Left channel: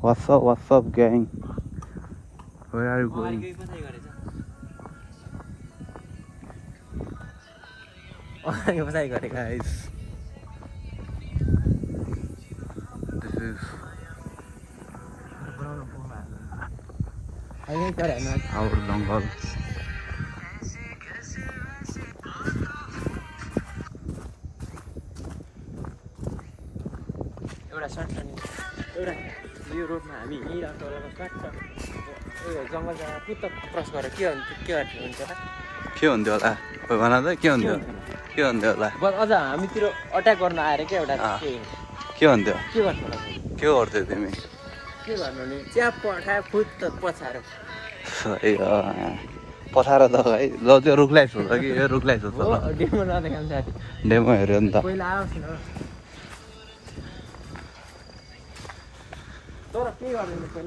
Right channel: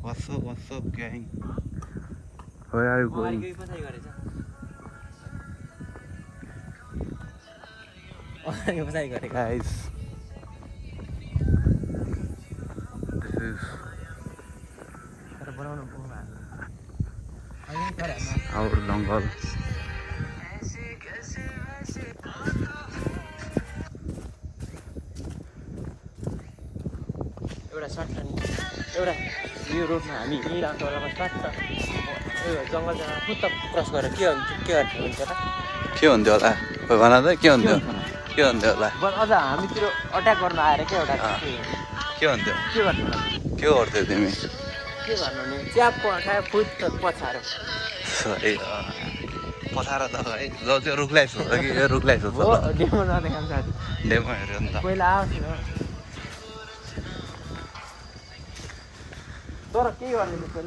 What's up, gang? Where are you going? Guys, this is our jungle. एउटा यो रोडमा हामी हिँडिरहेको बेलामा साथ जङ्गल जग्गा फुत्त क्रस गरेर के हुन्छ र के हुन्थ्यो होला खोइ भन त के हुन्थ्यो होला बस अझ हामीतिर अट्याक गर्न आएर क्या एउटा के हुन्थ्यो के गर्छ होला के गर्थ्यौ तिमी के गर्नु नि च्याप पठायो फुत्त पछाएर सरी पछाएर त है ल त्यो रुखलाई सोध्छ कि यो रुखलाई सोध्छ ल डेमो जाँदै काम साथी डेमो हेऱ्यो नि त पहिला आउँछ तर के गर्नु पहिला